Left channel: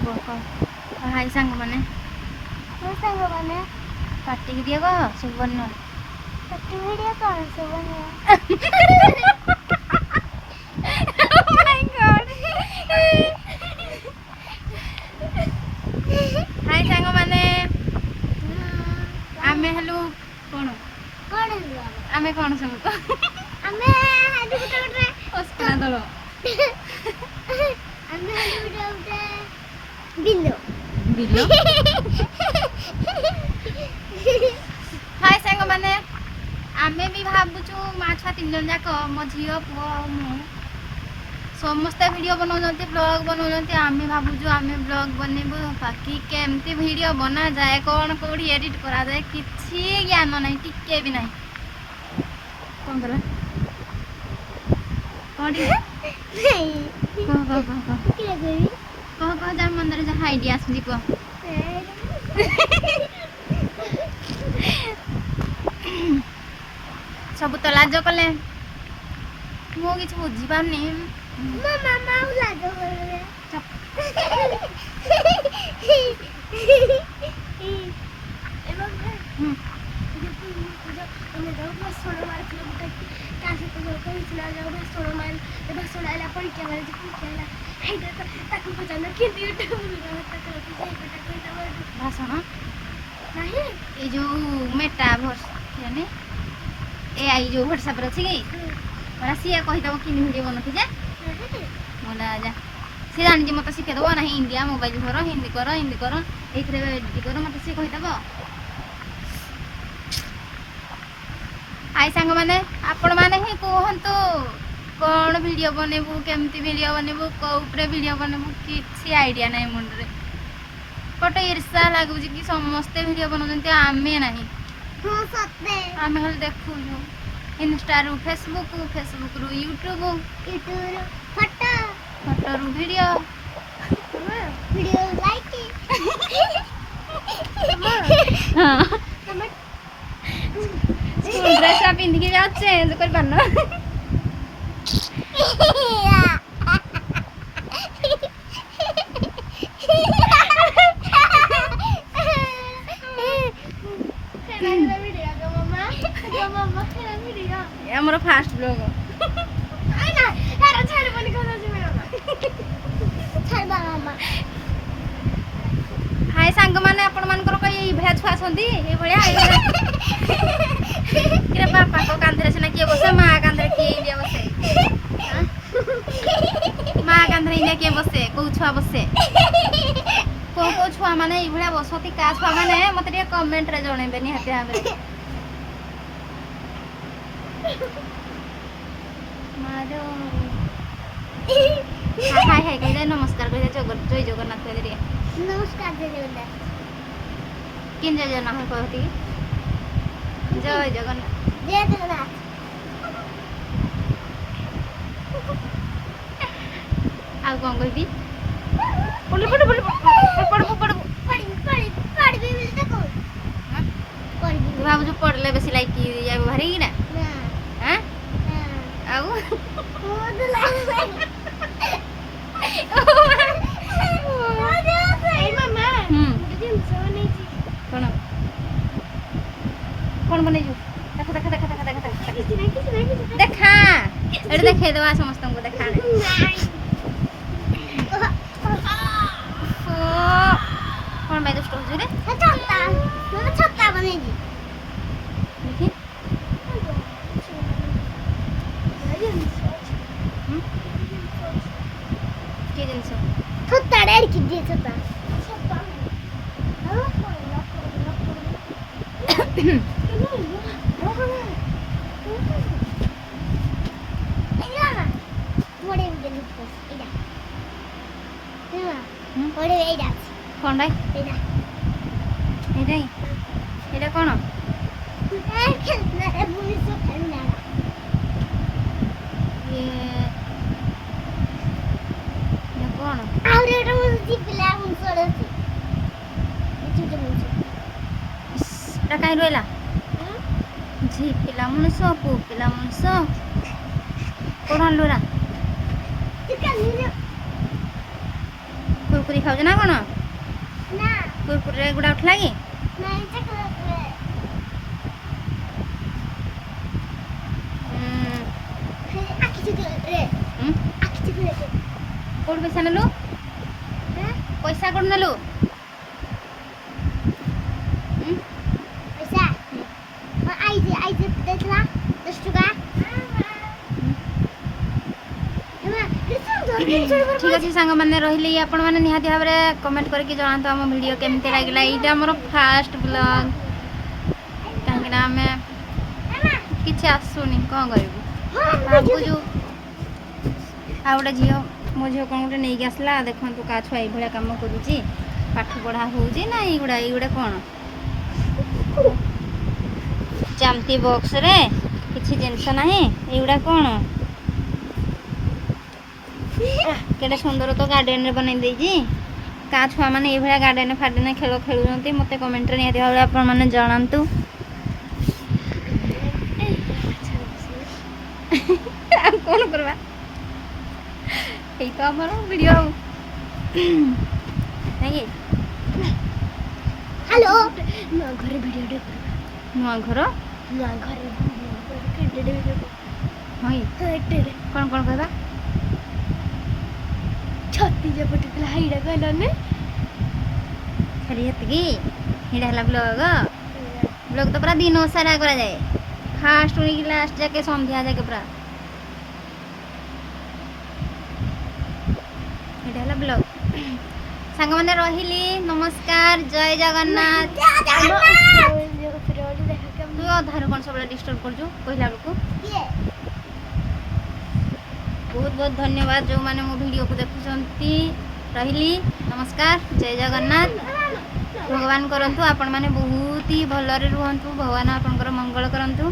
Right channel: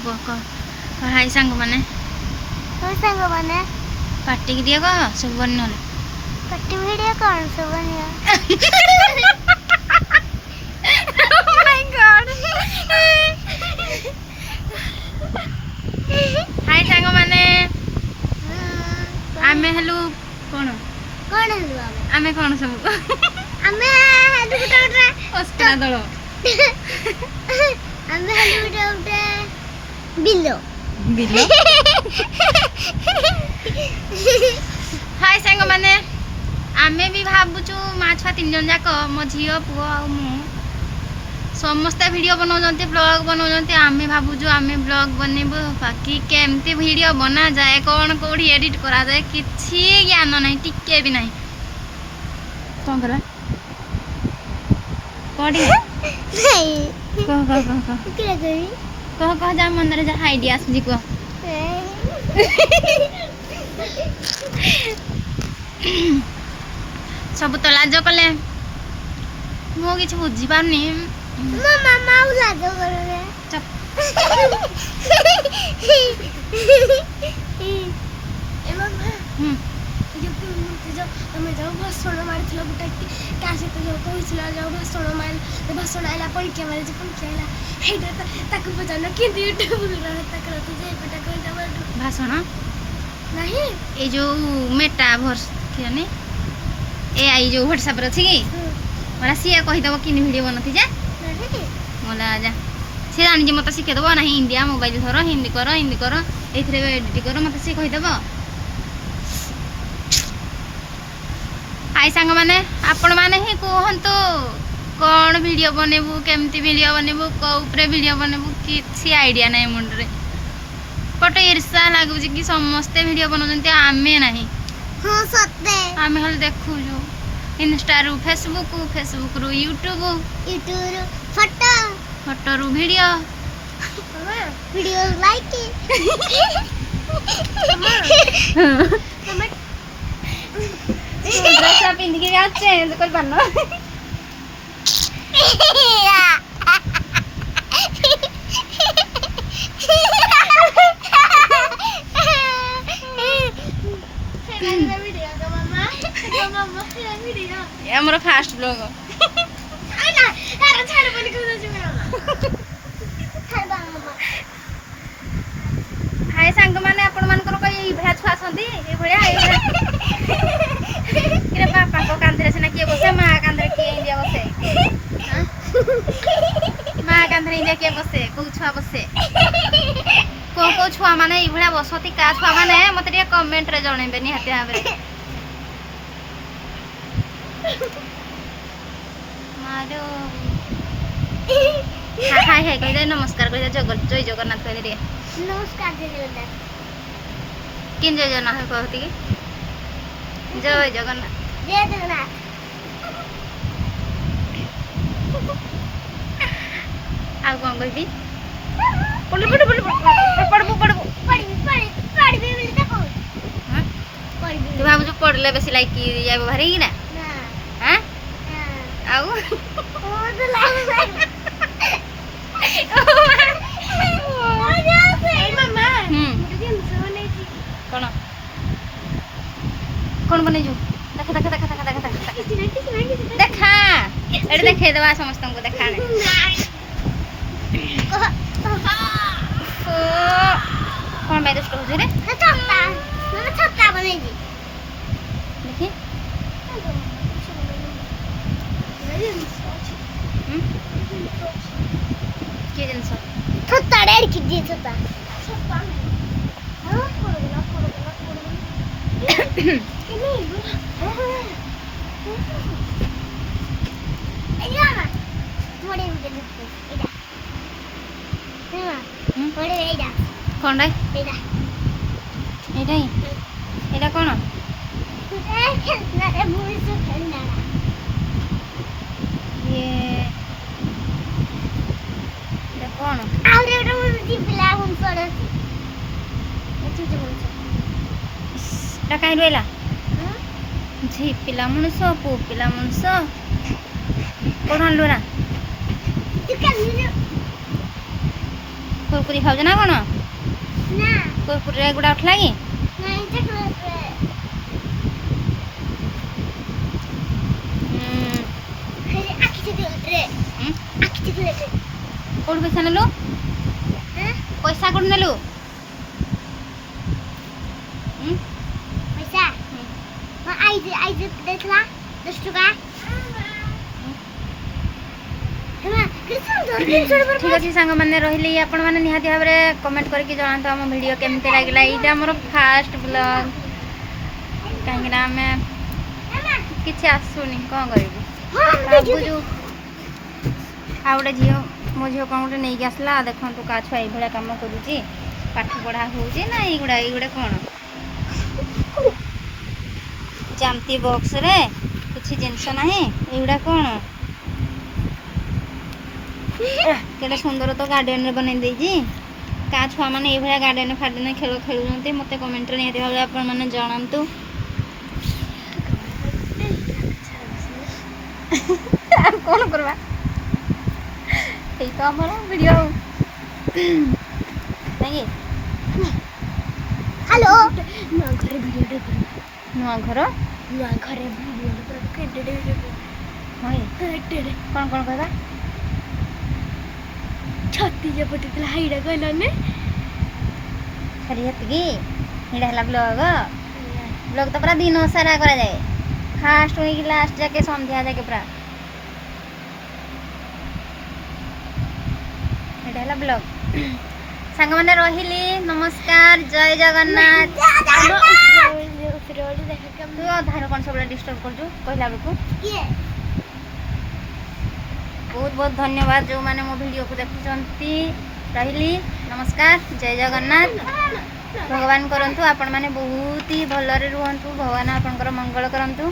हाय सांग माने पार्टी की दिया कह सब बन पार्टी वीडियो कौन सा बनिया माय गॉड हाय सांग माने आमे हेलु कोन कौन हेलु आमे कोन सब आमे हेलु गुटा अस्कना दळ आमे हेलु गुटा बिल्लो बिल्लो हाय सांग माने आमे भी भाबुचु माँ छुआ 3 जन जाक मो झील पुओ आ मु समस्त वीडियो बनाउछन्ते ब्लॉग बनाउछन्ते आमे भाबुचु आमे ब्लॉग बनेबो बाकी केमती वीडियो बना जाए कोन कोडी एडिट करा जाए किछि ज्ञान नै टिके भी नै कोन करा कोडी नहीं कह जा मन रे जा आईडिया आसी को सब तो लाज कले मो किछ बुझी पारनी मामा माऊ लाज करे चप ए मामा जो हमें जाओ भाषण मारथिलो गुटा कासे तो जो कहिसला जाओ भाषण मार ते भाषण आइला परीक्षा मारे जे परीक्षा आइला हेडा ताकू पचानो किंतु यूट्यूब रे ताकरा तो जाई बेटा कहि दबा भाषण नहीं ए जो मेटावर्स केने एआई जो व्हाट्सएप रे छी मला सिया कहि दबो किन वीडियो बनथि जा मला जा से जानि जे मते सिखे दबो नाही इंडिया मोबाइल धर हिंदी करो एथरे एडिट करो मते से कहि दबो हाय सांग माने आपण माने ही कहंतु कोन वीडियो बनेबू केमती वीडियो बनेबू को ऊपर वीडियो बनेबू किछि आईडिया नै मुंड रे पटे ईर्षा लागु जे कि समस्त वीडियो बनौजंते आमे नाही हां सत्य आमे हल देखु जो इंस्टा रु फेसबुक रु यूट्यूब यूट्यूब फोटो रु वीडियो लाइक हां ड्रेस पिंध के आ चेंज कर बनो हमर फास्ट ब्लॉग आना यार छाड़ बनी को जाजे मेरा छाड़ मामा हाय सांग माने आपण मानकर कई भया छुआ संदी ए भया के बापा को कांदरे से ना के बसे मां कांदरे के इंडिया बसे हां मां कांदरे इंडिया के बसे को छुआ बसे को छुआ माने ई भया बसती का छुआ माने मते रे कमेंट रे जणेबे नि हाते हमरे मारो हाय हाय कहि दे नमस्कार कहि दे जय जगन्नाथ कहि दे नमस्कार जय जगन्नाथ किन जय जगन्नाथ कहती जय जगन्नाथ आ कौन कही पढ़ तू भाव जो पढ़ले बेसी लाइक जाबो भारी कि ना हां आउ कौन बने जो देखा एडे देखे दवा समस्त को देखा ने कौन बैठ स्टोर रे छत्ता बनेगी देखी के जिनस छत्ता डेढ़ की दे छत्ता कौन रे एटा कौन ये कौन कहीं रहा झी पिला मनुष पु पिला मनुष कौन लुरा କୁରକୁରି ଖାଉଛ ନା କ'ଣ? ନା କୁରକୁରିରେ ଏଗୁଡ଼ା ଉଠିଲା କି? ନାଇଁ ଚକୋଲେଟ ଆଖି ଚକୋଲେଟ ଆଖି ଚକୋଲେଟ କୋଉଠୁ ପଇସା ନେଲୁ? ପଇସା କୋଉଠୁ ନେଲୁ? ପଇସା ଆଇ ଦେଇଥିଲା 10 ଟଙ୍କା ଠିକ୍ ଅଛି ସାଙ୍ଗମାନେ ରହିଲି ଆପଣମାନେ ନିହାତି ଭାବରେ କମେଣ୍ଟ କରିକି ଜଣାନ୍ତୁ ଆମ ଭିଡ଼ିଓ କେମିତି ଲାଗିଲା। ଏଇଟା ଆମର ଫାଷ୍ଟ ବ୍ଲଗ୍, କାହିଁକିନା ଆମେ କିଛି ଆସୁନି କ'ଣ କରିବୁ ଭାବୁଛୁ। ଆଉ ଗୋଟେ ଝିଅ ମୋ ଝିଅ କ'ଣ ଗୋଟେ ନେଇକି ଆସିଲା, ଦେଖନ୍ତୁ କା ଛୁଆ ଏଇଭଳିଆ କାମ କରୁଛି, ପାଠ ପଢ଼ା ହେଉଛି ନା ଏଇଗୁଡ଼ା କ'ଣ ଚାମ୍ତି ବକ୍ସରେ କିଛି ଜିନିଷ ନାହିଁ, ଏଇଗୁଡ଼ା କ'ଣ କେତେ ସୁନ୍ଦର ତ ଗାର୍ଡେନରେ ବନେଇ ଦେଇଛି। କା ଛୁଆମାନେ ଏଇଭଳିଆ ଗାର୍ଡେନ ଫାର୍ଡେନ ଖେଳ ଖେଳୁଛନ୍ତି, ମୋତେ କମେଣ୍ଟରେ ନିହାତି ଭାବରେ ଆପଣମାନେ ଜଣାନ୍ତୁ। ଆଉ କ'ଣ କରିବା, ଏଇ ତ ଆମର ଭିଡ଼ିଓ ନାଇଁ କି? ହ୍ୟାଲୋ ନୂଆ ଘରେ ଭିଡ଼ିଓ ନୂଆ ଘର ନୂଆ ଘରେ ଭିଡ଼ିଓ ହଁ କ'ଣ କହିବା? ଛତି ଯେ ପଟିଥିଲା ହାଇଡ଼ା କହିଲାନି ଖାଲି ହେତିକି? ଏଇଟା ହେଲା ବ୍ଲଗ। ବ୍ଲଗ ତ ପୁରା ଦିନ ସାରା କରାଯାଏ, ଫାଷ୍ଟ ୱିକ୍ ଲାଷ୍ଟ ଯାକେ ସନ୍ଧ୍ୟା ଯାକେ ପୁରା। ଏଇଟା ହେଲା ବ୍ଲଗ। ସାଙ୍ଗମାନେ ରହିଲି, ନମସ୍କାର, ଜୟ ଜଗନ୍ନାଥ। ତୁ ଅଧାରୁ କ'ଣ ସବୁବେଳେ ଡିଷ୍ଟର୍ବ କରୁଛୁ କହିଲା ବେଳକୁ? ବହୁତ ବହୁତ ଧନ୍ୟବାଦ ଯେଉଁମାନେ ମୋ ଭିଡ଼ିଓକୁ ଦେଖୁଛନ୍ତି। ରହିଲି, ନମସ୍କାର, ଜୟ ଜଗନ୍ନାଥ। ଭଗବାନ କରନ୍ତୁ ଆପଣମାନେ ବହୁତ ହି ଭଲରେ ରୁହନ୍ତୁ, ଭଗବାନ ଆପଣଙ୍କର ମଙ୍ଗଳ କରନ୍ତୁ।